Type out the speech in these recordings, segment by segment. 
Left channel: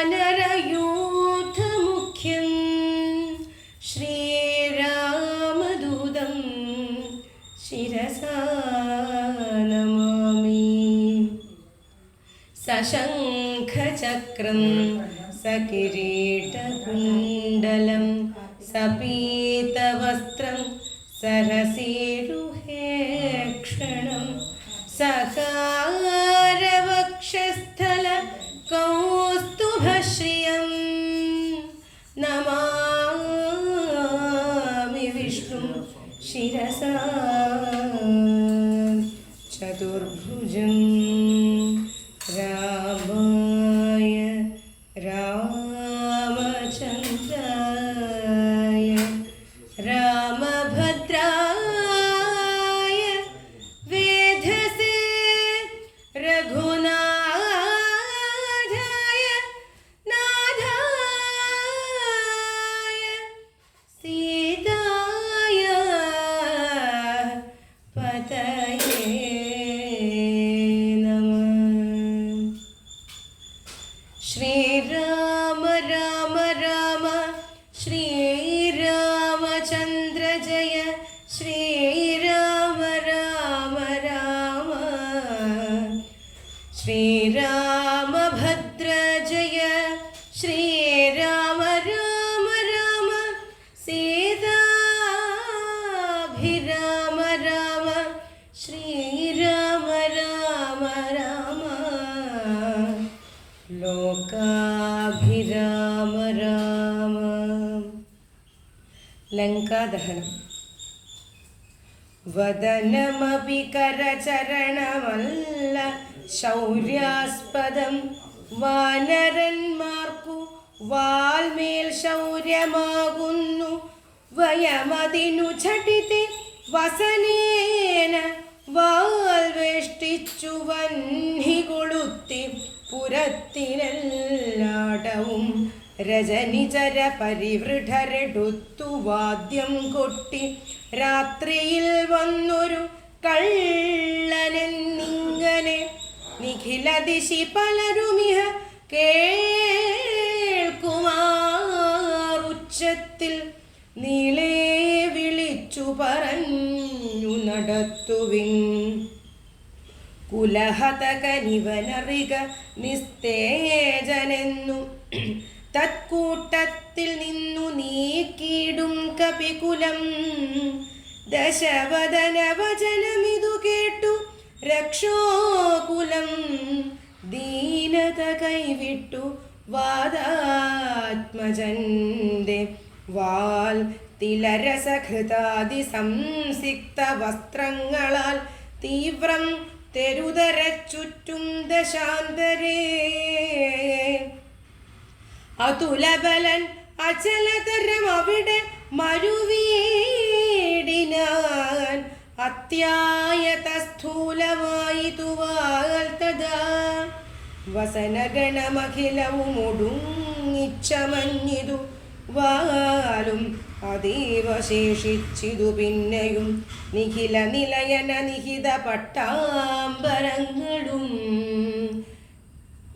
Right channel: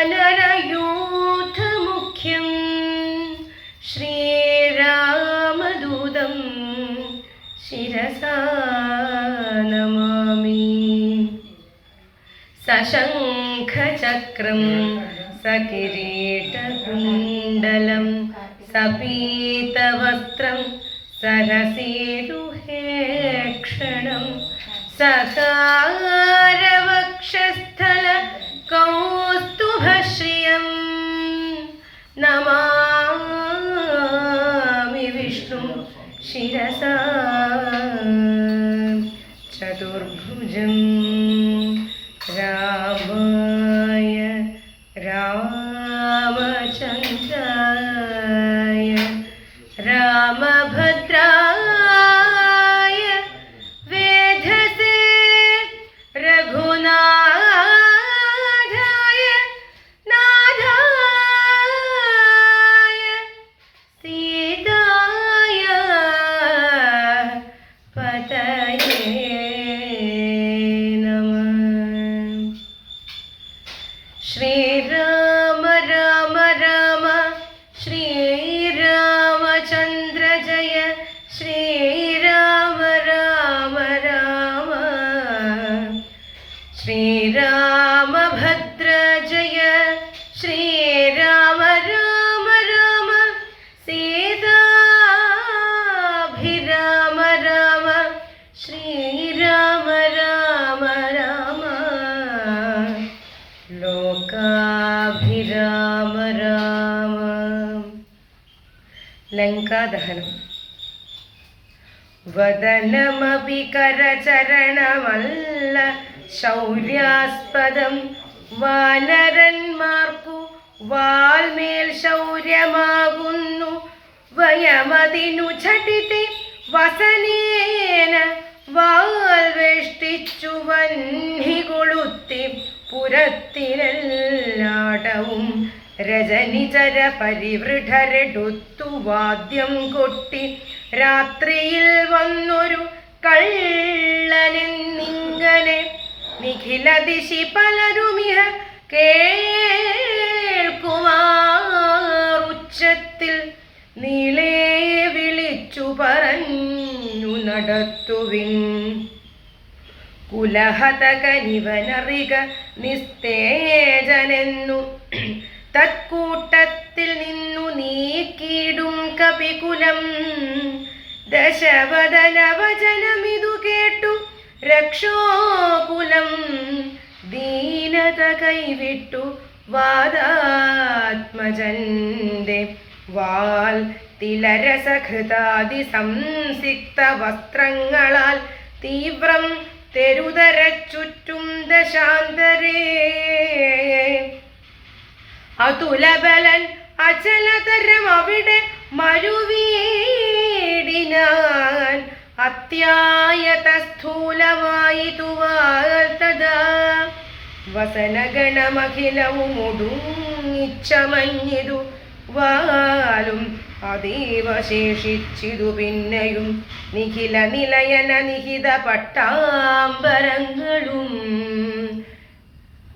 വാനരയൂഥമുഖ്യം ശ്രീരാമദൂതം ശിരസാ നമാമി. സശംഖചക്രം സകിരീടകുണ്ഡലം സപീതവസ്ത്രം സരസീരുഹേക്ഷണം സകാരവക്ഷസ്ഥല കൗസ്തുഭശ്രിയം നമാമി വിഷ്ണു ശിരസാ ചതുർഭുജം. രാമായ രാമചന്ദ്രായ രാമഭദ്രായ വേധസേ രഘുനാഥായ നാഥായ സീതായ പതയേ നമഃ. ശ്രീരാമ രാമ രാമ ശ്രീരാമചന്ദ്ര ജയ ശ്രീരാമ രാമ രാമ ശ്രീരാമഭദ്ര ജയ ശ്രീരാമ രാമ രാമ സീതാഭിരാമ രാമ ശ്രീരാമ രാമ രാമ ലോകാഭിരാമ രാമ. ലങ്കാദഹനം. വദനമപി കരചരണമല്ല ശൗര്യാസ്പദം വാനരന്മാർക്കു വാൽമേൽ ശൗര്യമാകുന്നു വയമതിനു ഝടിതി വസനേന വാൽ വേഷ്ടിച്ചു വന്നി കൊളുത്തി പുരത്തിലെല്ലാടവും രജനിചര പരിവൃഢരെടുത്തു വാദ്യം കൊട്ടി രാത്രിയിൽ വന്നൊരു കള്ളനെന്നിങ്ങനെ നിഖില ദിശി പലരുമിഹ കേൾക്കുമാറുച്ചത്തിൽ നീളേ വിളിച്ചു പറഞ്ഞു നടത്തുവിൻ. കുലഹതകനിവനറിക നിസ്തേജനെന്നു തത്കൂട്ടത്തിൽ നിന്നു നീക്കിയിടും കപികുലം. ദശവദന വചനമിതു കേട്ടു രക്ഷോകുലം ദീനത കൈവിട്ടു വാദാത്മജന്റെ വാൽ തിലരസഘൃതാദി സംസിക്ത വസ്ത്രങ്ങളാൽ തീവ്രം തെരുതരച്ചുറ്റും ദശാന്തരേ. അതുലബലൻ അചലതരം അവിടെ മരുവീടിനാൻ അത്യായത സ്ഥൂലമായി തുവാൽ തഥാ വസനഗണമഖിലവും ഒടുങ്ങിച്ചമഞ്ഞിതു വാലും അതീവ ശേഷിച്ചിതു പിന്നെയും നിഖില നിലയന നിഹിത പട്ടാംബരങ്ങളും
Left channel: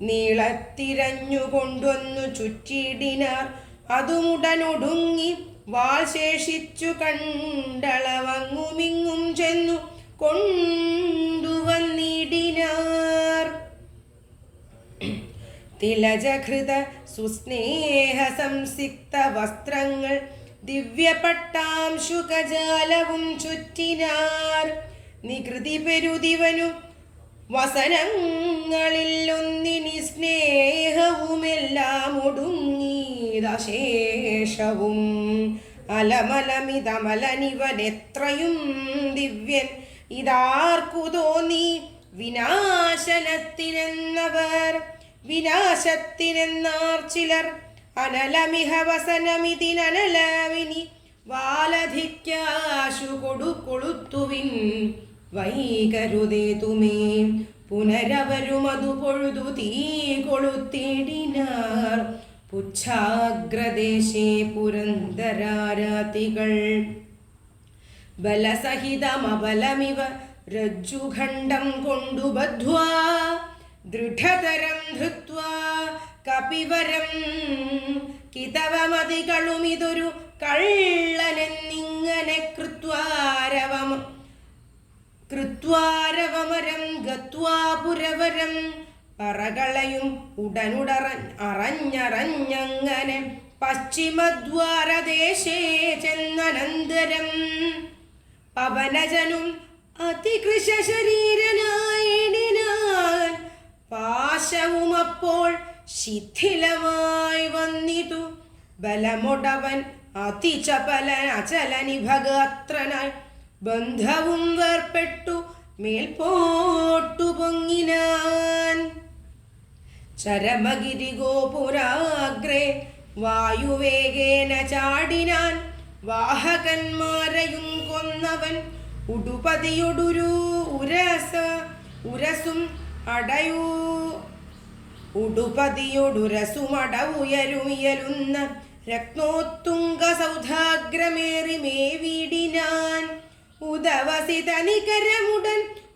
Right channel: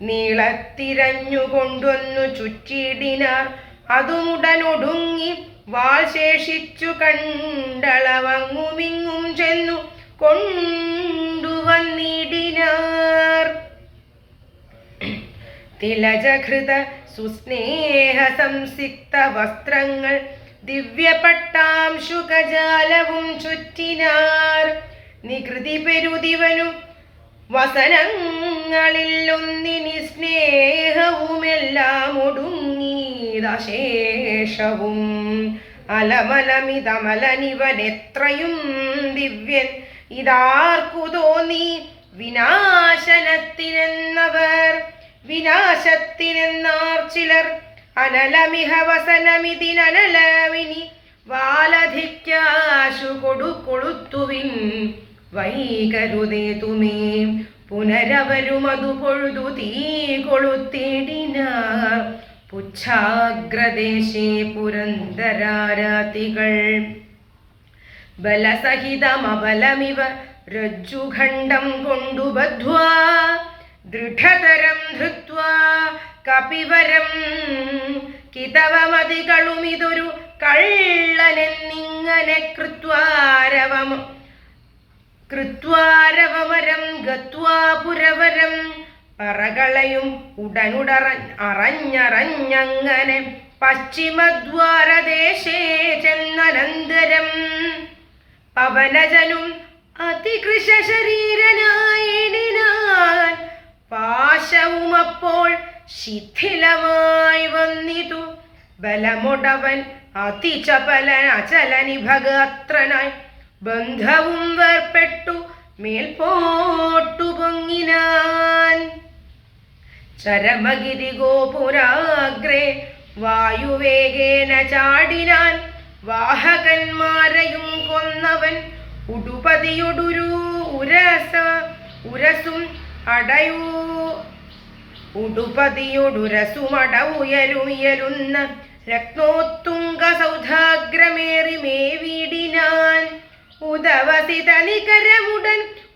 നീളത്തിരഞ്ഞുകൊണ്ടൊന്നു ചുറ്റിയിടിനാർ. അതുമുടനൊടുങ്ങി വാൾ ശേഷിച്ചു കണ്ടളവങ്ങുമിങ്ങും ചെന്നു കൊണ്ടുവന്നിടിനാർ. തിലജഘൃത സുസ്നേഹ സംസിക്ത വസ്ത്രങ്ങൾ ദിവ്യപട്ടാംശുകജാലവും ചുറ്റിനാർ. നികൃതി പെരുതിവനും വസനങ്ങളിൽ ഒന്നിനി സ്നേഹവുമെല്ലാം ഒടുങ്ങിയശേഷവും അലമലമിതമലനിവനെത്രയും ദിവ്യൻ ഇതാർക്കു തോന്നി വിനാശനത്തിനെന്നവർ വിനാശത്തിനെന്നാർ ചിലർ. അനലമിഹ വസനമിതിനലമിനി വാലധിക്കാശു കൊളുത്തുവിൻ വൈകരുതേതുമേ. പുനരവരുമതു പൊഴുതു തീ കൊളുത്തിടിനാർ. പുച്ഛാഗ്രദേശേ പുരന്തരാരാതികൾ ബലസഹിതമബലമിവ രജ്ജുഖണ്ഡം കൊണ്ടു ബദ്ധ്വാ ദൃഢതരം ധൃത്വാ കപിവരം കിതവമതികളുമിതൊരു കള്ളനെന്നിങ്ങനെ കൃത്വാരവമരം ഗത്വാ പുരവരം പറകളയും അറിഞ്ഞങ്ങനെ പശ്ചിമദ്വാരദേശേ ചെന്നനന്തരം പവനജനും അതികൃശ ശരീരനായിടിനാൻ പാശവുമപ്പോൾ ശിഥിലമായി വന്നിതു ബലമൊടവൻ അതിചപലൻ അചലനിഭഗാത്രനായി ബന്ധവും വേർപ്പെട്ടു മേൽപോട്ടു പൊങ്ങിനാൻ ചരമഗിരി ഗോപുരാഗ്രേ വായുവേഗേന ചാടിനാൻ വാഹകന്മാരെയും കൊന്നവൻ ഉടുപതിയൊടുരു ഉരസും ഉടുപതിയൊടുരസുമടവുയരുമിയലുന്ന രത്നോത്തുംഗ സൗധാഗ്രമേറി മേവിടിനാൻ ഉദവസിത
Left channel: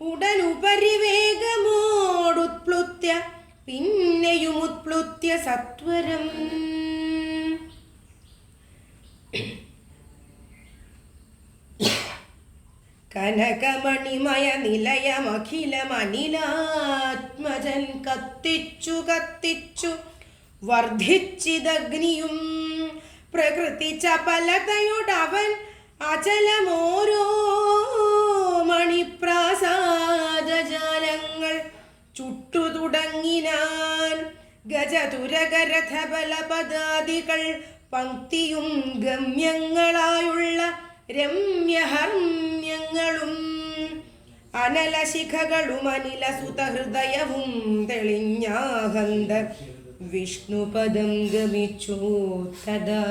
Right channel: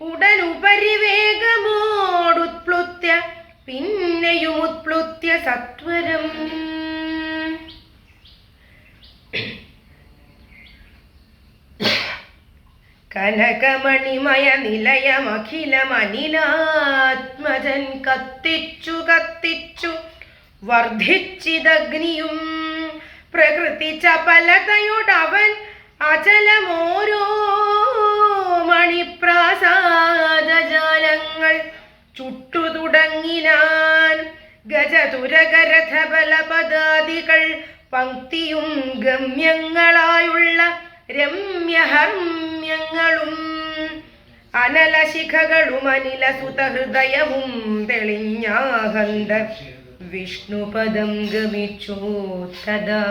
ഉടനുപരിവേഗമോടുത്പ്ലുത്യ പിന്നെയുമുത്പ്ലുത്യ സത്വരം കനകമണിമയ നിലയമഖിലമനിലാത്മജൻ കത്തിച്ചു വർദ്ധിച്ചിതഗ്നിയും പ്രകൃതി ചപലതയോടവൻ അചലമോരോ മണിപ്രാസാദജാലങ്ങൾ ചുട്ടു തുടങ്ങിനാൻ ഗജതുരകരഥബലപദാദികൾ പങ്ക്തിയും ഗമ്യങ്ങളായുള്ള രമ്യഹർമ്യങ്ങളും അനലശിഖകളും അനിലസുതഹൃദയവും തെളിഞ്ഞാഹന്ത വിഷ്ണുപദം ഗമിച്ചു തദാ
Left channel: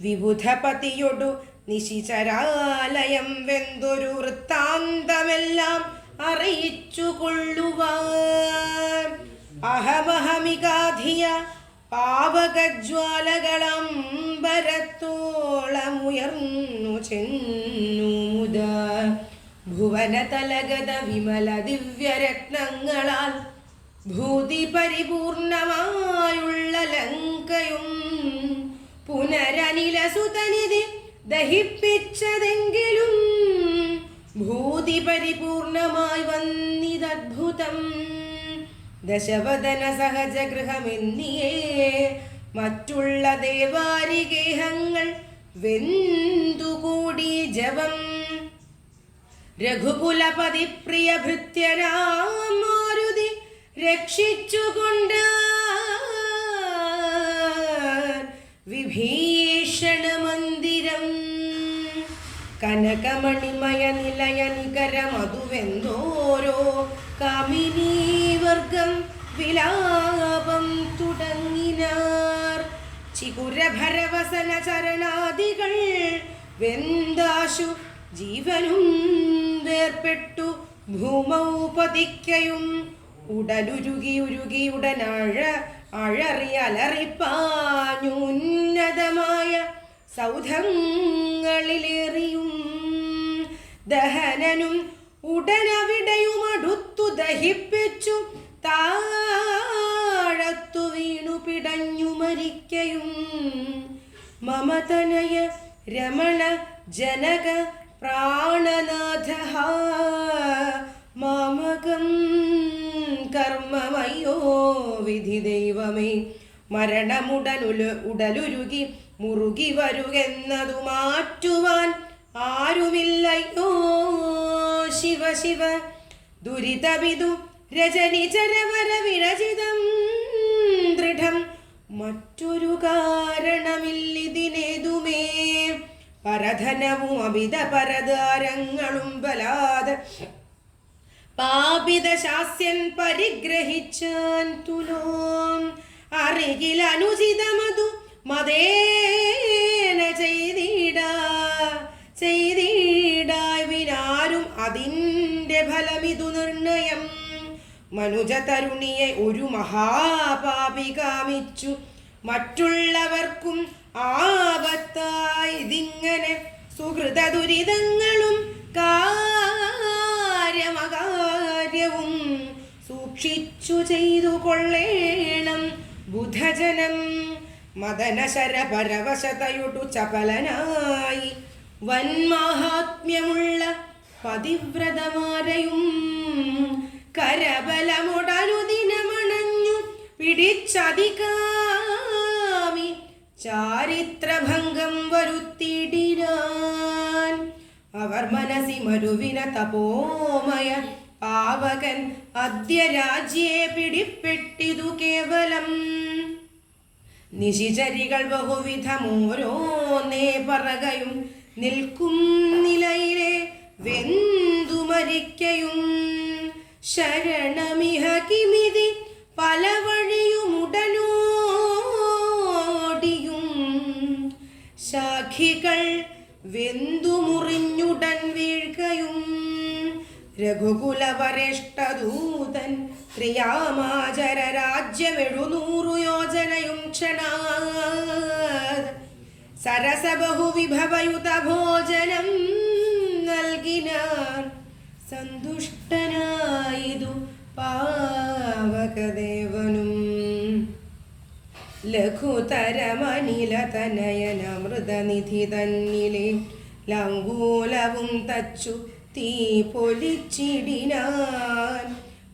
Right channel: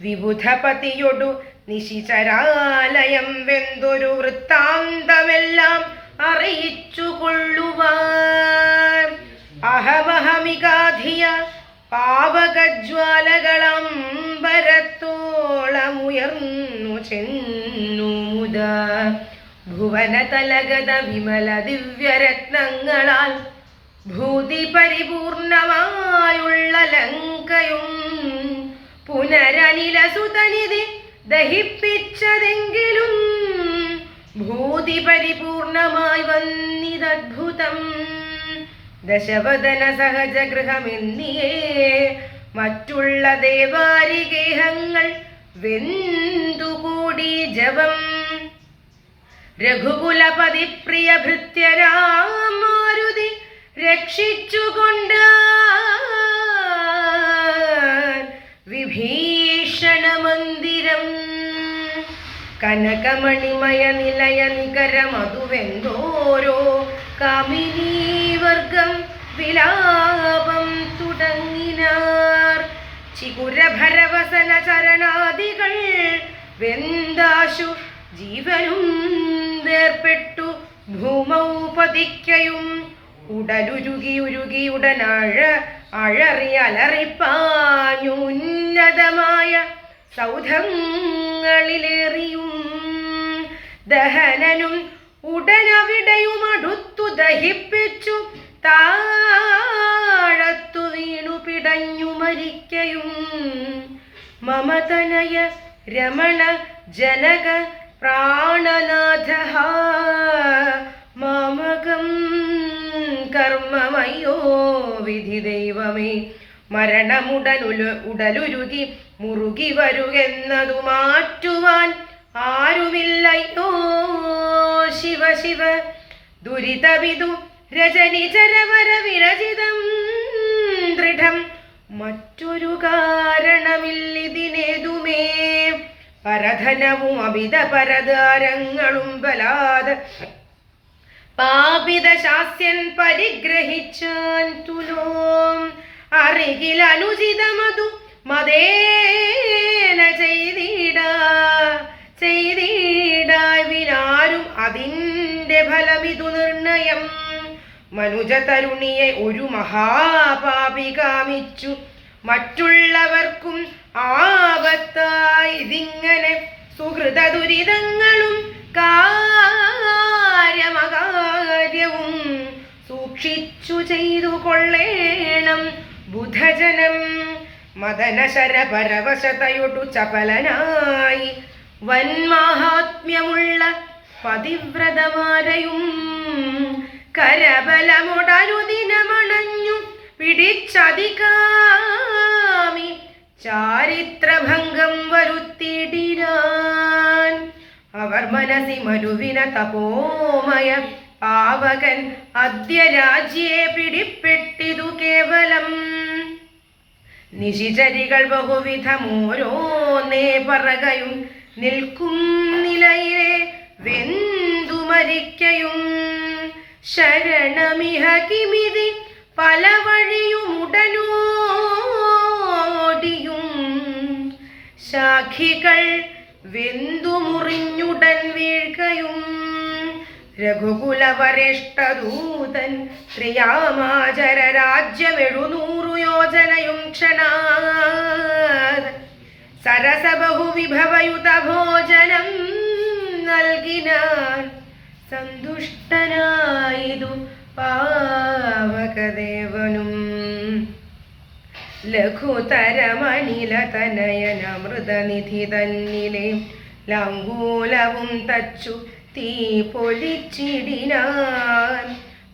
വിബുധപതിയൊടു നിശിചരാലയം വെന്തൊരു വൃത്താന്തമെല്ലാം അറിയിച്ചു കൊള്ളുവാൻ അഹമഹമികാധിയ പാവകജ്വാലകളംബരത്തോളമുയർന്നു ചെന്നു മുത ഭുവനതലഗത വിമല ദിവ്യരത്നങ്ങളാൽ ഭൂതി പരിപൂർണമായുള്ള ലങ്കയും പുനരനിലസുതനിധി ദഹിപ്പിച്ചതെങ്കിലും ഭൂതി പരിപൂർണമായി വന്നിതദ്ഭുതം ദശവദന സഹജഗൃഹമെന്നിയേ മറ്റുള്ള ദേവാരിഗേഹങ്ങൾ വെന്തുകൂടി ജവം രഘുകുലപതി പ്രിയ ഭൃത്യരാമാരുതി രക്ഷിച്ചുകൊണ്ട് വിഭീഷണ മന്ദിരം കനകമണിമയ നിലയ നികരമതുവെന്തോരോ കാമിനീവർഗം വിലാപം തുടങ്ങിനാർ ചികുരഭരവസന ചരണാദികൾ വെന്താശു ജീവനും വേർപ്പെട്ടു ഭൂമൗ പതിക്കയും ഉടലുരുകി അഴറി അലറിപ്പാഞ്ഞു ഉന്നതമായ സൗധങ്ങളിലേറിയും ദഹനനും ഉടനവിടെയും അടുത്തു ദഹിപ്പിച്ചു താഴത്തു വീണു പിടഞ്ഞു മരിക്കയും മമതനയ രമണ ജനക പ്രാണനാഥ മാമകം കർമ്മമയ്യോ വിധി ദൈവമേ ഉടലുരുകി മുറുകി വരുകെന്നതു മാറ്റുവാൻ ആരുമില്ലയോ ശിവ ശിവ ദുരിതവിദു രജനിചരവര വിരചിതം ദൃഢം മറ്റൊരു കാരണമില്ലിതിനേതുമേ പരധനവും അമിത പരദാരങ്ങളും ബലാത് പാപിത ശാസ്യൻ പരിഗ്രഹിച്ചാൻ തുലോം അറികിൽ അനുചിതമതു മതേന ചെയ്തിടായി വിനാരും അതിൻ്റെ ഫലമിതു നിർണയം മനുജ തരുണിയെ ഒരു മഹാപാപി കാമിച്ചു മറ്റുള്ളവർക്കും ആപത്തായി ഇതിങ്ങനെ സുഹൃത ദുരിതങ്ങളും കാര്യമകാര്യവും സൂക്ഷിച്ചു ചെയ്തു കൊള്ളേണം ബുധജനം. മദനശരപരവശതയൊടു ചപലനായി വന്മാഹാത്മ്യമുള്ള പതിവ്രതമാരെയും കരബലമുടനുദിനമണഞ്ഞു പിടിച്ചതികാമി ചാരിത്രഭംഗം വരുത്തിയിടിനാൻ. അവർ മനസി മരുവിന തപോമയ പാവകൻ അദ്യ രാജ്യേ പിടിപ്പെട്ടിതു കേവലം. നിശിചരികൾ ബഹുവിധമോരോന്നേ പറകയും നിൽക്കും നിലയിലെ വെന്തു മരിക്കയും. ശരണമിഹ കിമിതി പല വഴിയുമുടനോടിയും ശാഖികൾ വെന്തു മുറിഞ്ഞുടൻ വീഴ്കയും. രഘുകുലവരേഷ്ടദൂതൻ ത്രിയാമാചര രാജ്യമെഴുന്നൂറു യോജനയും ക്ഷണാത് സരസബഹുവിഭവയുത ഭോജനം നൽകിനാൻ. സന്തുഷ്ടനായിതു പാവകദേവനും. ലഘുതരമനിലതനയനമൃതനിധി തന്നിലെ ലങ്കൂലവും തച്ചു തീ പൊലിച്ചിടിനാൻ.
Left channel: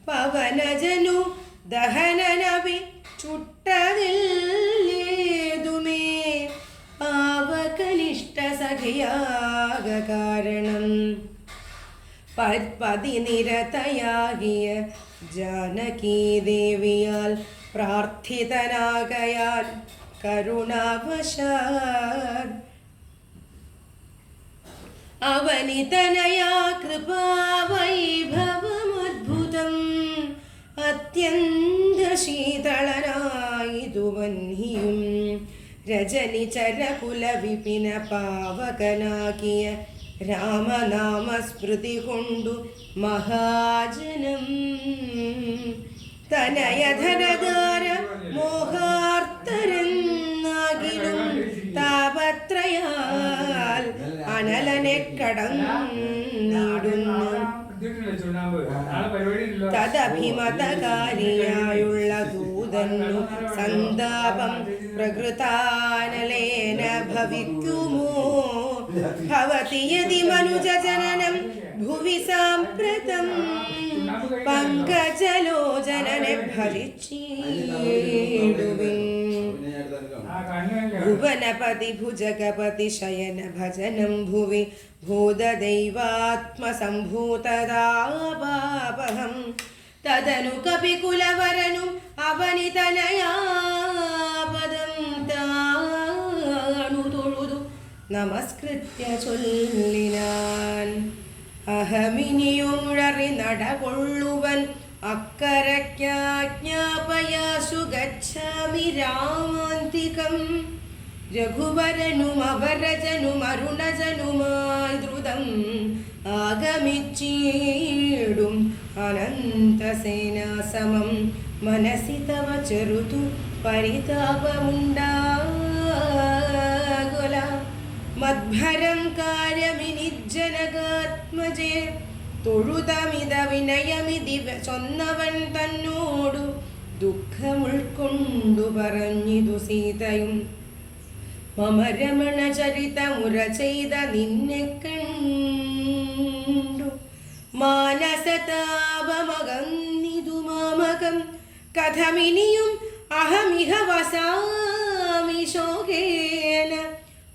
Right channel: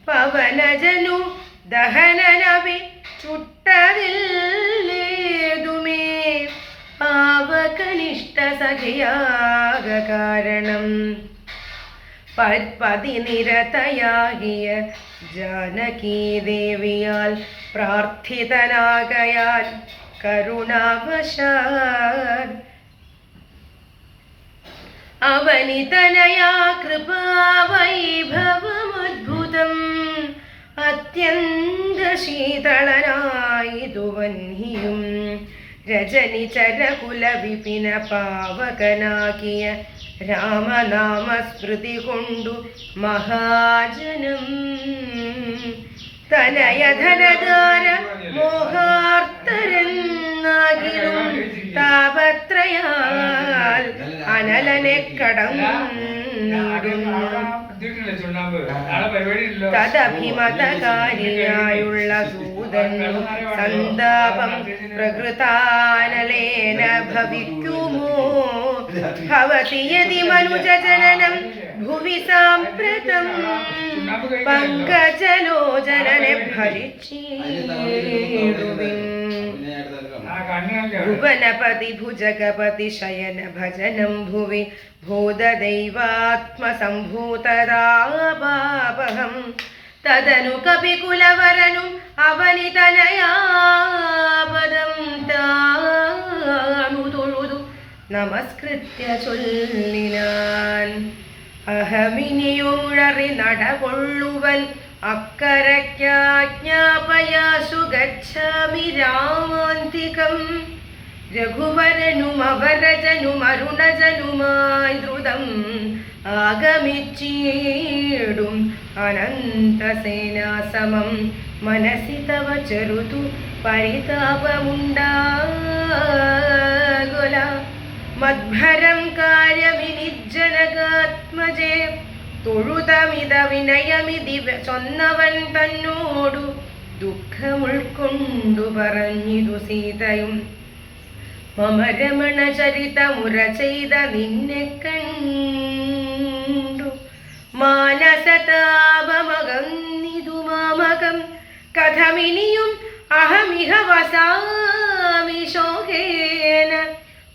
പവനജനു ദഹനനവി ചുട്ടതില്ലേതുമേ പാവകനിഷ്ഠ സഖിയാക കാരണം. പതിനിരതയാകിയ ജാനകീദേവിയാൽ പ്രാർത്ഥിതനാകയാൽ കരുണാവശാൽ അവനിതനയാ കൃപാവൈഭവമദ്ഭുതം. അത്യന്ത ശീതളനായിതു വന്ഹിയും രജനിചരകുല വിപിന പാവകനാകിയ രാമനാമസ്മൃതി കൊണ്ടു മഹാജനം. തനയധനധാര മോഹാർത്തരെന്നാകിലും താപത്രയാൽ അനലനെ കടന്നിടുന്നു. തദഭിമതകാരിയായുള്ള ദൂതന്നു സന്താപം പ്രകൃതാനലേന ഭവിക്കുമോ. ഭവതി യദി മനുജജനനം ഭുവി സാമ്പ്രതം പങ്കജലോചനനെ ഭജിച്ചിടുവിൻ. ഭുവനപതി ഭുജഗപതി ശയന ഭജനം ഭുവി ഭൂതദൈവാത്മസംഭൂതദാപാപഹം. തദനു കപികുലവരനും അവനിതനയാപദം താണു തൊഴുതു നമസ്കൃത്യ ചൊല്ലിനാൻ. അഹമിനിയുഴറി നടകൊള്ളുവൻ അക്കരയ്ക്കാജ്ഞാപയാസു ഗച്ഛാമി രാമാന്തികം. രഘുവരനും അവരജനും അരുണജനുമായി ദ്രുതം ആഗമിച്ചീടും അനന്തസേനാസമം. മനസി തവ ചെറുതു പരിതാപമുണ്ടാകുല. മദ്ഭരം കാര്യമിനിജ്ജനകാത്മജേ തൊഴുതമിത വിനയമിതി ചൊന്നവൻ തന്നോടു ദുഃഖമുൾക്കൊണ്ടു പറഞ്ഞിതു സീതയും. മമ രമണ ചരിതമുര ചെയ്ത നിന്നെ കണ്ടു മാനസതാപമകന്നിതു മാമകം. കഥമിനിയും അഹമിഹ വസാമി ശോകേന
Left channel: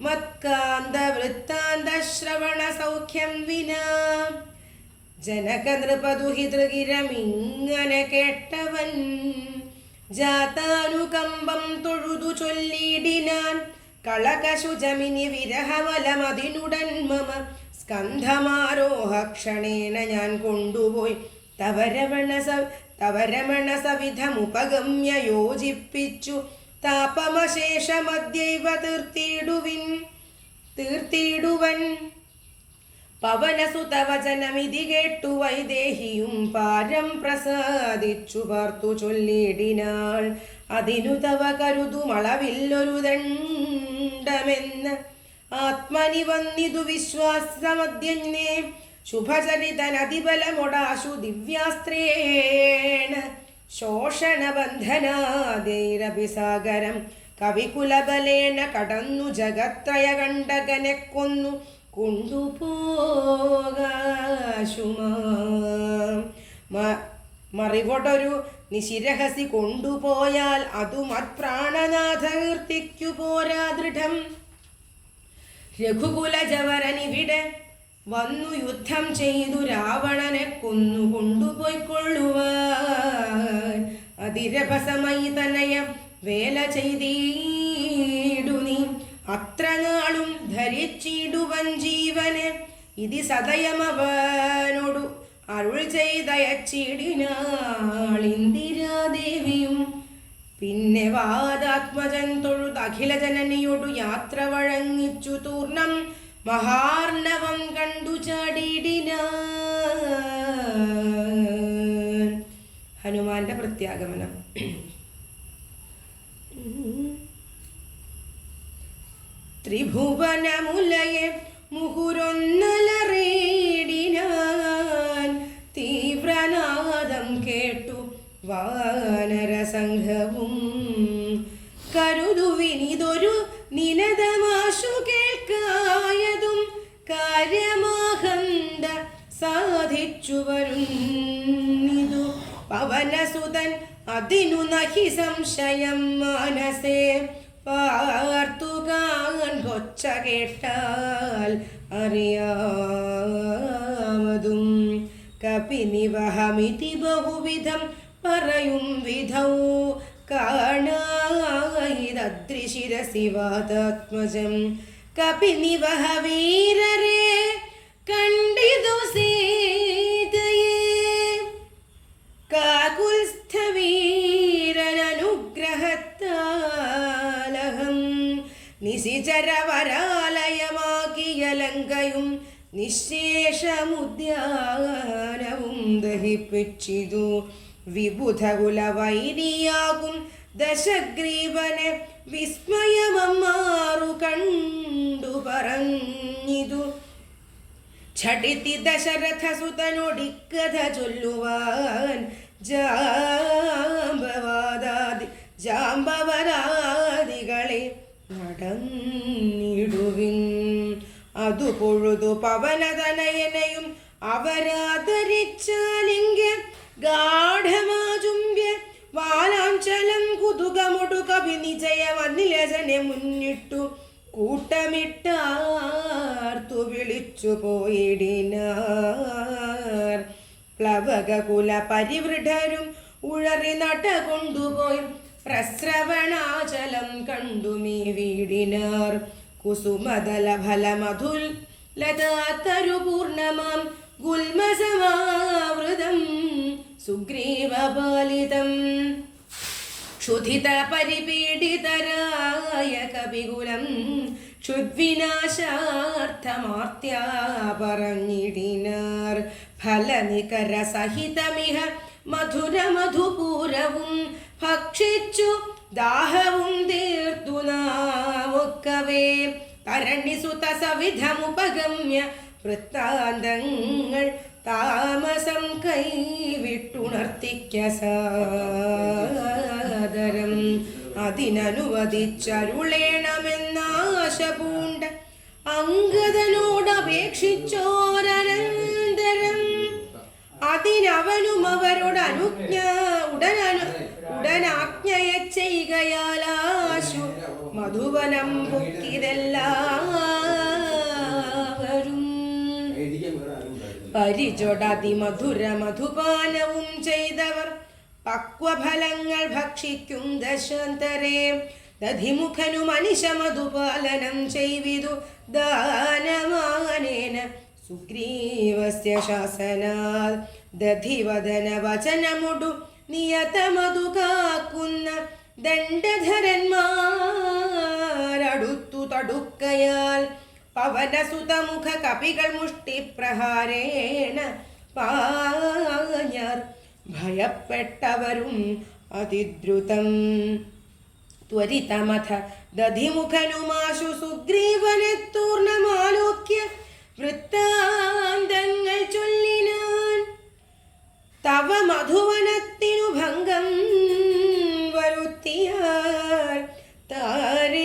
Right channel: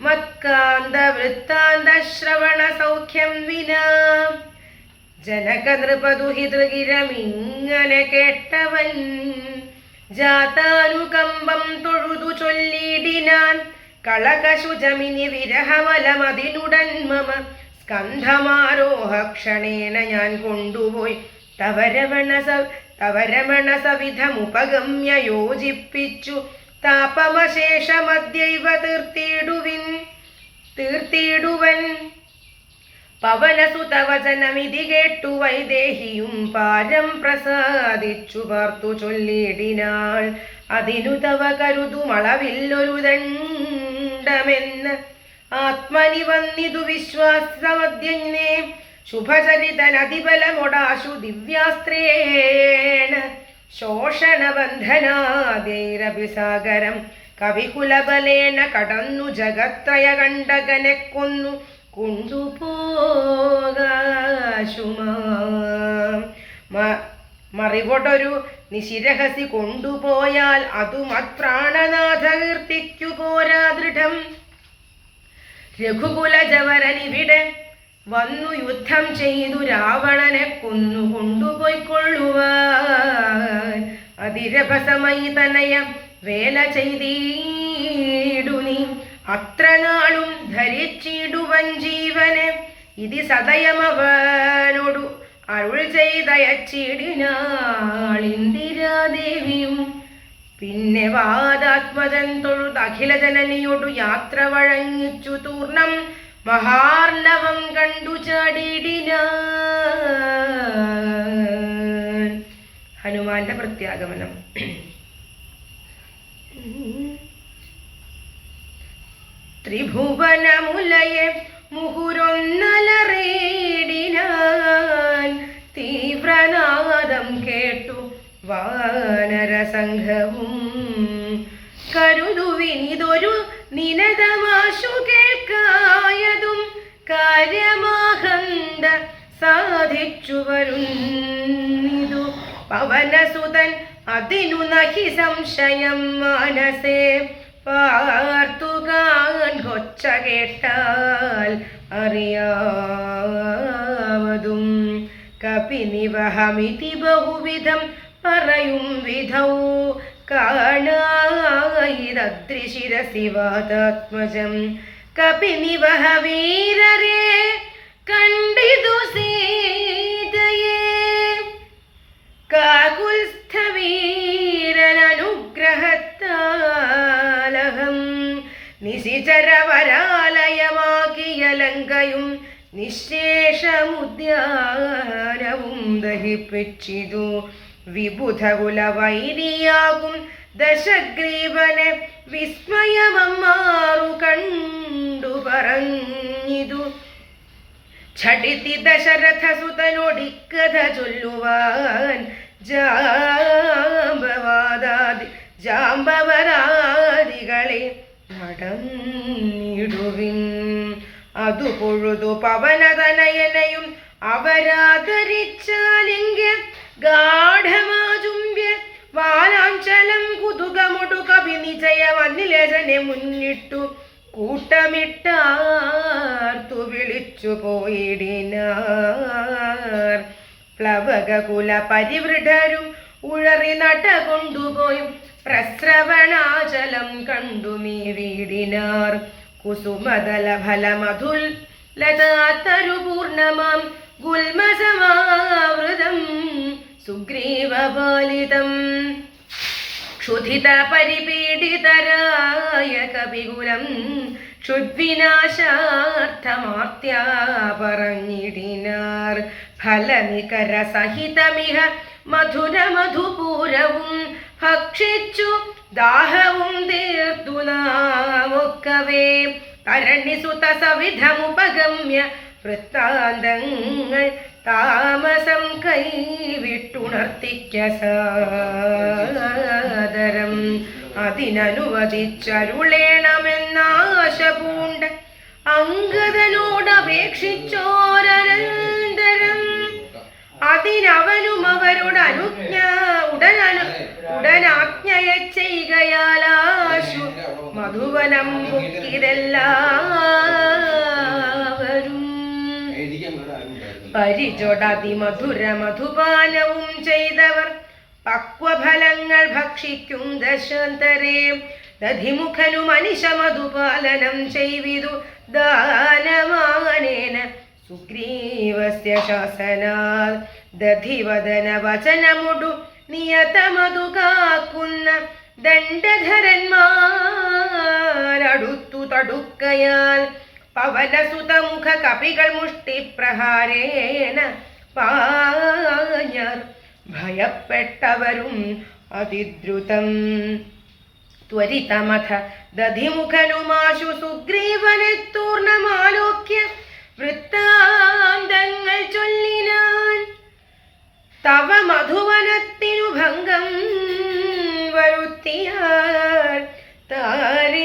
മത്കാന്ത വൃത്താന്ത ശ്രവണ സൗഖ്യം വിനാ. ജനക നൃപദുഹിതൃഗിരമിങ്ങനെ കേട്ടവൻ ജാതാനുകമ്പം തൊഴുതു ചൊല്ലിടിനാൻ. കളകശുജമിനി വിരഹമലമതിനുടൻ മമ സ്കന്ധമാരോഹ ക്ഷണേന ഞാൻ കൊണ്ടുപോയി തവരമണ സവിധമുപഗമ്യ യോജിപ്പിച്ചു താപമശേഷമദ്യൈവ തീർത്തിടുവൻ. പവനസുതവചനമിതി കേട്ടു വൈദേഹിയും പാരം പ്രസാദിച്ചു പാർത്തു ചൊല്ലിടിനാൾ. അതിനു തവ കരുതുമളവില്ലൊരു ദണ്ഡമെന്ന് ആത്മനി വന്നിതു വിശ്വാസമദ്യന്നെ. ശുഭചരിതനതിബലമൊടാശു ദിവ്യാസ്ത്രേണ ശോഷണബന്ധനാദൈരഭിസാഗരം കവികുലബലേന കടന്നു ജഗത്രയ കണ്ടകനെ കൊന്നു കൊണ്ടുപോകാശുമാ മറിവൊടൊരു നിശിരഹസി കൊണ്ടുപോയാൽ അതു മത്പ്രാണനാഥ കീർത്തിക്കു പോരാ ദൃഢം. രഘുകുലജവരനിവിടെ വന്നു യുദ്ധം ചെയ്തു രാവണനെ കൊന്നു കൊണ്ടുപോയിക്കൊള്ളുവാൻ അതിരഭസമായി തനയ വേല ചെയ്തിടു നീ അത്ര നാളും ധരിച്ചിടുവൻ ജീവനെ ഇതി സദയമവനോടു അരുൾ ചെയ്തയച്ചിടിനാൾ ഇന്ദിരാദേവിയും. പിന്നെ വാദാത്മജൻ തൊഴുത് അഖില ജനനിയോടു യാത്ര വഴങ്ങിച്ചു തൂർണം മഹാർണവം കണ്ടു ചാടിടിനാൻ. ഹനുമാന്റെ പ്രത്യാഗമനം. ത്രിഭുവനമുലയെ മുഹുരൊന്നലറിയിടിനാൻ തീവ്രനാദം കേട്ടു വാനരസംഘവും കരുതുവിനിതൊരു നിനതമാശു കേൾക്കായതും കാര്യമാഹന്ത സാധിച്ചു വരുന്നിതു പവനസുതൻ അതിനു നഹി സംശയം മനസേ പാർത്തുകാൻ കൊച്ച കേട്ടാൽ അറിയാവതും കപിനിവഹമിതി ബഹുവിധം പറയും വിധൗ കാണായിരദ്രിശിരസിവാതാത്മജം കപിനിവഹ വീരരെ കണ്ടിതു സീതയെ കാകുൽസ്ഥവീരനുഗ്രഹത്താലഹം നിശിചരവരാലയമാക്കിയ ലങ്കയും നിശേഷമുദ്യാനവും ദഹിപ്പിച്ചിതു വിബുധകുലവൈരിയാകും ദശഗ്രീവനെ വിസ്മയമമ്മാറു കണ്ടു പറഞ്ഞിതു ഛടിതി ദശരഥസുതനോടിക്കഥ ചൊല്ലുവാൻ ജാമ്പവരാദികളെ നടന്നിടുവിൻ അതു പൊഴുതു പവനതനയനയും അവരാദരിച്ചാലിംഗ്യ ഗാഠമാചുംബ്യ വാലാഞ്ചലം കുതുകമൊടു കവിനിജയമന്നിലജനെ മുന്നിട്ടു കൂട്ടമിട്ടാർത്തു വിളിച്ചു പോയിടിനാർ പ്ലവകകുല പരിവൃഢരും ഉഴറി നട കൊണ്ടുപോയും പ്രസ്രവണാചലം കണ്ടുമീ വീടിനാർ കുസുമദല ഫലമധുൽ ലതാത്തരു പൂർണ്ണമാം ഗുൽമസമാവൃതം സുഗ്രീവപാലിതം ക്ഷുധിത പരിപീഡിതരായ കവികുലം ക്ഷുദ്വിനാശാർത്ഥമാർത്യാ പറഞ്ഞിടിനാർ ഫലനികര സഹിതമിഹ മധുര മധുപൂരവും ഭക്ഷിച്ചു ദാഹവും തീർത്തു നാമൊക്കവേ തരണിസുത സവിധമുപഗമ്യ വൃത്താന്തങ്ങൾ താമസം കൈവിട്ടുണർത്തിക്ക സാദരം അതിനനുവദിച്ചരുളേണമെന്നാശ പൂണ്ട അംഗദനോടപേക്ഷിച്ചോരനന്തരം അതിനവനും അവരോട് ഉടനാജ്ഞയ ചെയ്കയാലാശു മധുവനം പൊക്കിതെല്ലാവരും പരിചൊടതിമധുര മധുപാനവും ചെയ്തവർ പക്വഫലങ്ങൾ ഭക്ഷിക്കും ദശാന്തരേ ദധിമുഖനു മനിഷ മധുപാലനം ചെയ്വിതു ദാനമാനേന സുഗ്രീവസ്യ ശാസനാൽ ദധിവദന വചനമുടു നിയതമതു കാക്കുന്ന ദണ്ഡധരന്മാരടുത്തു തടുക്കയാൽ പവനസുതമുഖ കപികൾ മുഷ്ടിപ്രഹാരേണ പാഞ്ഞാർ ഭയപ്പെട്ടവരും അതിദ്രുതം ത്വരിതമഥ ദധിമുഖനുമാശു സുഗ്രീവനെ തൂർണമാലോക്യ വൃത്താന്തങ്ങൾ ചൊല്ലിനാൻ. തവ മധുവനത്തിനു ഭംഗം വരുത്തിയാൽ താരേയനാദികളായ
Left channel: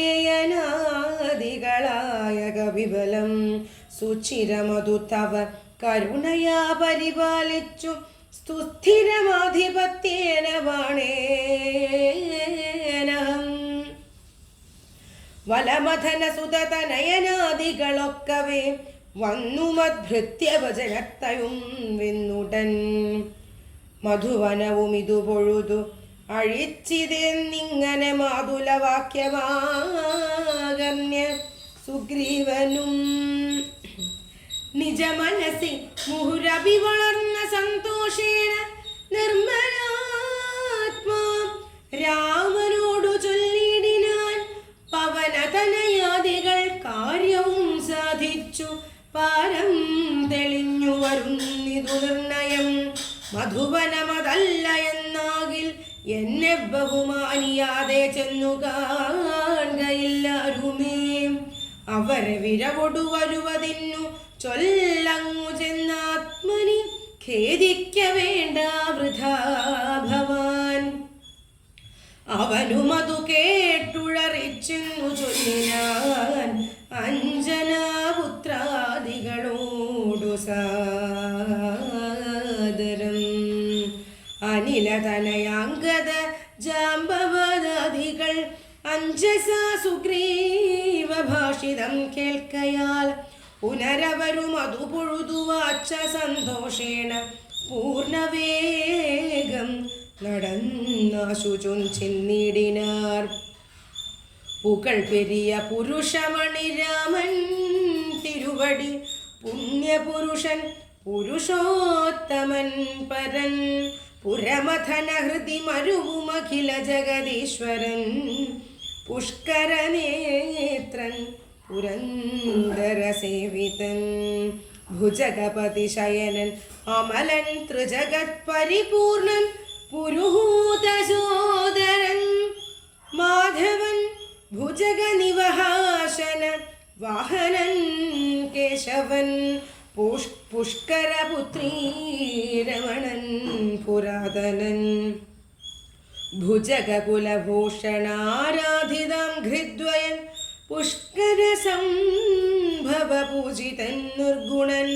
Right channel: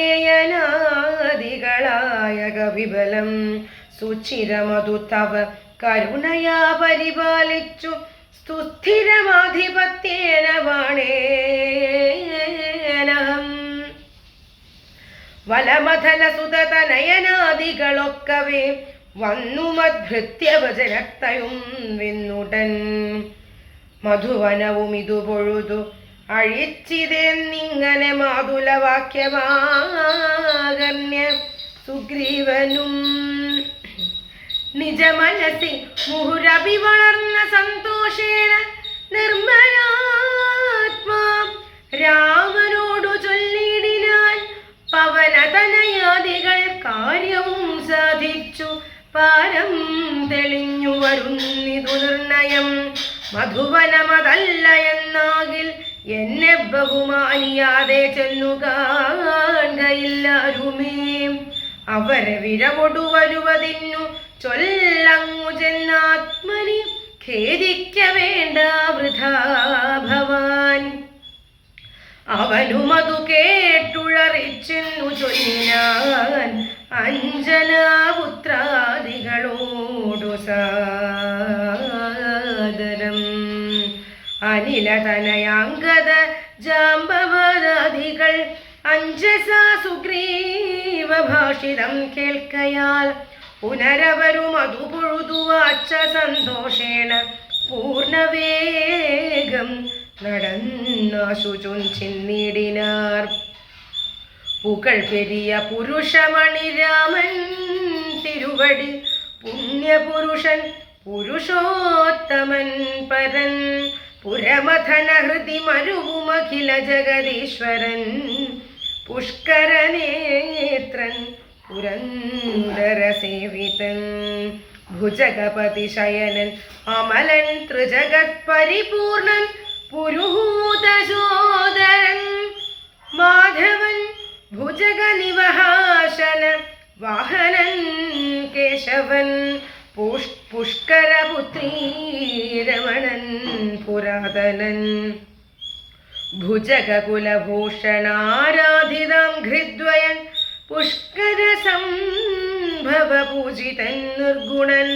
കവിബലം സുചിരമതു തവ കരുണയാ പരിപാലിച്ചു സുസ്ഥിരമാധിപത്യേന ബാണേനഹം. വലമഥന സുതനയനാദികളൊക്കവേ വന്നു മദ്ഭൃത്യവചനത്തയും വിന്നുടൻ. മധുവനവും ഇതു പൊഴുതു അഴിച്ചിതെന്നിങ്ങനെ മാതുലവാക്യമാകർണ്യ സുഗ്രീവനും നിജമനസി മുഹുരഭി വളർന്ന സന്തോഷേണ നിർമ്മലാത്മാ രാമനോടു ചൊല്ലിടിനാൻ. പവനതനയാദികൾ കാര്യവും സാധിച്ചു പാരം തെളിഞ്ഞു വരുന്നിതു നിർണയം. മധുവനമതല്ല എന്നാകിൽ എന്നെ ബഹുമാനിയാതെ ചെന്നു കാണുകയില്ലാരുമേ. അവരെ വിരവൊടു വരുവതിന്നു ചൊല്ലങ്ങു ചെന്നാത്മനി ഖേദിക്ക വേണ്ട വൃഥാ ഭവാൻ. അവനുമതു കേട്ടുഴറിച്ചെന്നു ചൊല്ലിനാൻ അഞ്ജനാപുത്രാദികളോടു സാദരം. അനിലതനയാംഗത ജാമ്പവദാദികൾ അഞ്ജസാ സുഗ്രീവ ഭാഷിതം കേൾക്കയാൽ പുനരവരും അതു പൊഴുതുവാച്ച സന്തോഷേണ പൂർണ്ണവേഗം നടന്നാശു ചൊന്നിടിനാർ. പുകൾ പെരിയ പുരുഷമണി രാമൻ തിരുവടി പുണ്യപുരുഷൻ പുരുഷോത്തമൻ പരൻ പുരമഥന ഹൃദി മരുവുമഖില ജഗദീശ്വരൻ പുഷ്കരനേത്രൻ പുരന്ദര സേവിതൻ ഭുജഗപതി ശയനൻ അമലൻ ത്രിജഗത് പരിപൂർണൻ പുരുഹൂതസോദരൻ മാധവൻ ഭുജഗ നിവഹാശന വാഹനൻ കേശവൻ പുഷ്കരപുത്രീ രമണൻ പുരാതനൻ ഭുജഗകുലഭൂഷണാരാധിതം ഘൃദ്വയൻ പുഷ്കര സംഭവ പൂജിതൻ നിർഗുണൻ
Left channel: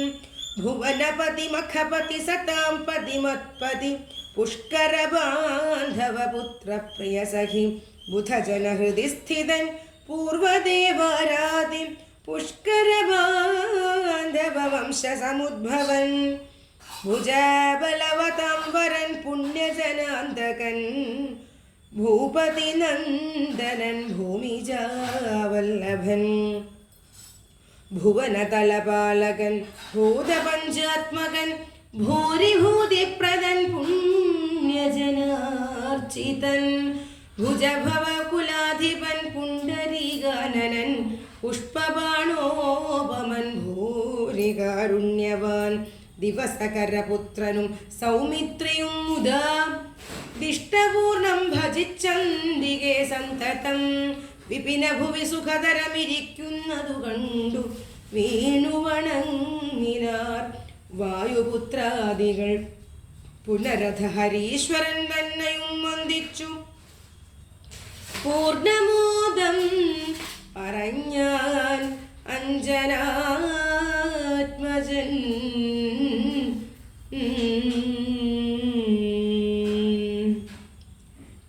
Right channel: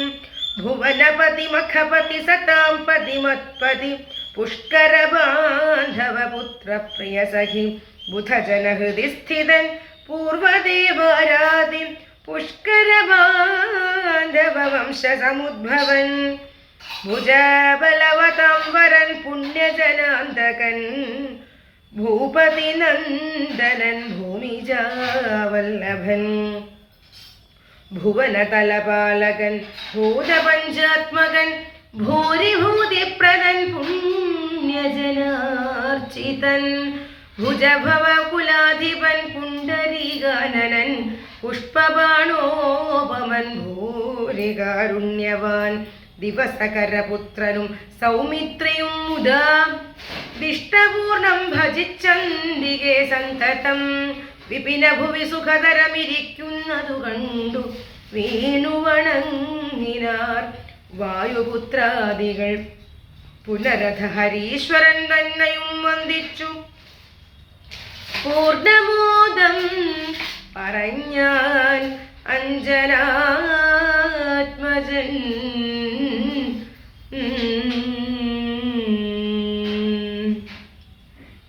ഭുവനപതി മഖപതി സതാം പതി മത്പതി പുഷ്കര ബാന്ധവ പുത്ര പ്രിയ സഖി ബുധജന ഹൃദി സ്ഥിതൻ പൂർവദേവാരാധി പുഷ്കര ബാന്ധവ വംശ സമുദ്ഭവൻ ഭുജബലവതാം വരൻ പുണ്യജനാന്തകൻ ഭൂപതി നന്ദനൻ ഭൂമിജാവല്ലഭൻ ഭുവനതലപാലകൻ ഭൂതപഞ്ചാത്മകൻ ഭൂരിഭൂതിപ്രദൻ പുണ്യജനാർച്ചിതൻ ഭുജഭവകുലാധിപൻ പുണ്ടരീകാനനൻ പുഷ്പബാണോപമൻ ഭൂരികാരുണ്യവാൻ ദിവസകരപുത്രനും സൗമിത്രിയും മുദാ ദിഷ്ടപൂർണം ഭജിച്ചന്തികെ സന്തതം വിപിന ഭുവി സുഖതരമിരിക്കുന്നതു കണ്ടു വീണുവണങ്ങിനാർ വായുപുത്രാദികൾ പുനരഥ ഹരീശ്വരൻ തന്നെയും വന്ദിച്ചു പൂർണ്ണമോദം പറഞ്ഞാൻ അഞ്ജനാത്മജൻ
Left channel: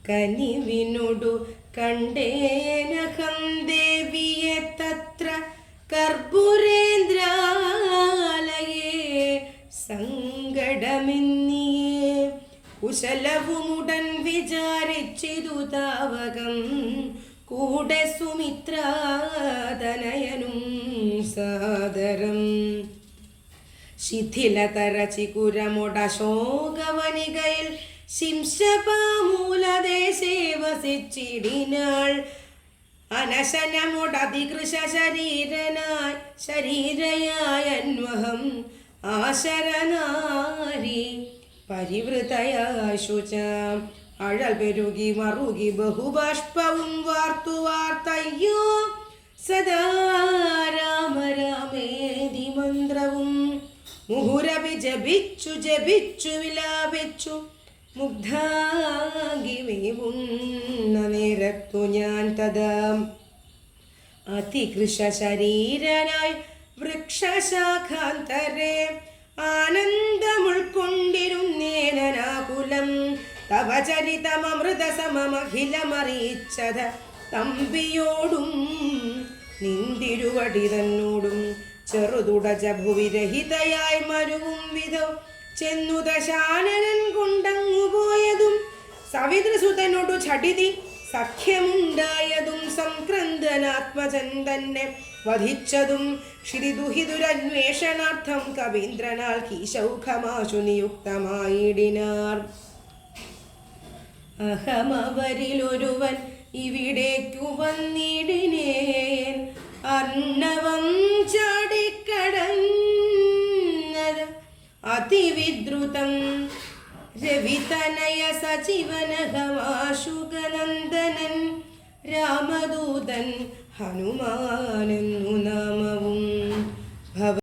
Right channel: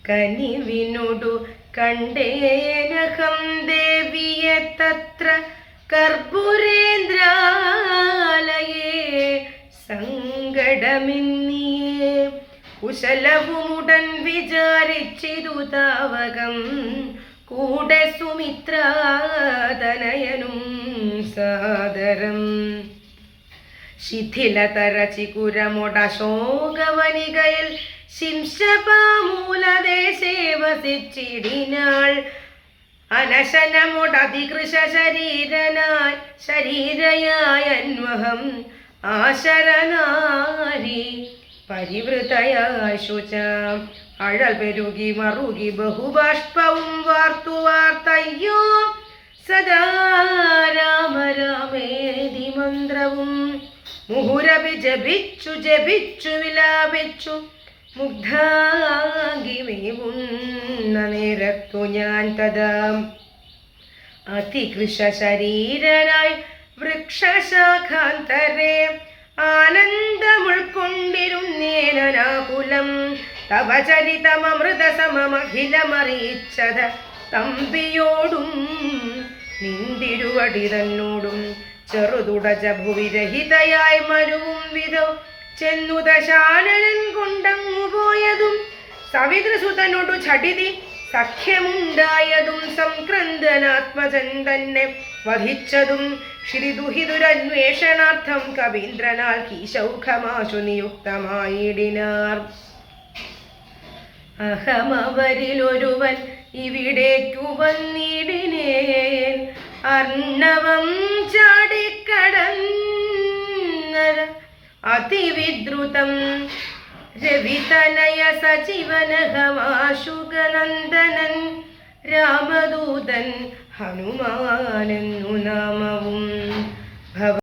കനിവിനോടു കണ്ടേനഹം ദേവിയെ തത്ര കർപ്പൂരേന്ദ്രാലയേ സങ്കടമെന്നിയേ കുശലവുമുടൻ വിചാരിച്ചിതു താവകം കൂടെ സുമിത്രാതനയനും സാദരം ശിഥിലതര ചികുരമൊടശോകവനികയിൽ ശിംശപാമൂലദേശേ വസിച്ചിടിനാൾ അനശനമൊടധികൃശ ശരീരയായ അന്വഹം ആശരനാരി പരിവൃതയായ ശുച അഴൽ പെരുകി മറുകി ബഹുബാഷ്പവും വാർത്തു വാർത്തയ്യോ സദാ രാമ രാമേതി മന്ത്രവും മുഹുരഭി ജപിച്ചു ജപിച്ചു വിലാപിച്ചു മുഗ്ധാഗിമേവുന്ന നേരത്തു ഞാൻ തഥാ അതികൃശ ശരീരനായി വൃക്ഷശാഖാന്തരേ ആനന്ദമുൾക്കൊണ്ടിരുന്നേനാകുലം തവ ചരിതമൃത സമമഖിലമറിയിച്ചത തമ്പിയോടും നിന്തിരുവടി തന്നോടും ചെറുതുടജ ഭുവിരഹിതയായി മരുവും വിധം ചെന്നു ദശാനനൻ കൊണ്ടങ്ങു പോയതും സവിതൃസുതനോടു ചടിതി സഖ്യമുണ്ടായതും സംക്രന്ദനാത്മജൻ തന്നെ വധിച്ചതും ക്ഷിതിദുഹിതുരന്വേഷണാർത്ഥം കവീന്ദ്രനാൽ കീശൗഖമാശു നിയുക്തമായിടിനാർ. അഹമവരിലൊരുവൻ ഇവിടേക്കു വന്നിടിനേൻ അർണവം ചാടിക്കടന്നത് അതിവിദ്രുതം രവിതനയ സജീവനഹമാശുകനന്ദനൻ രാമദൂതൻ ഹനുമാനെന്നു നാമം.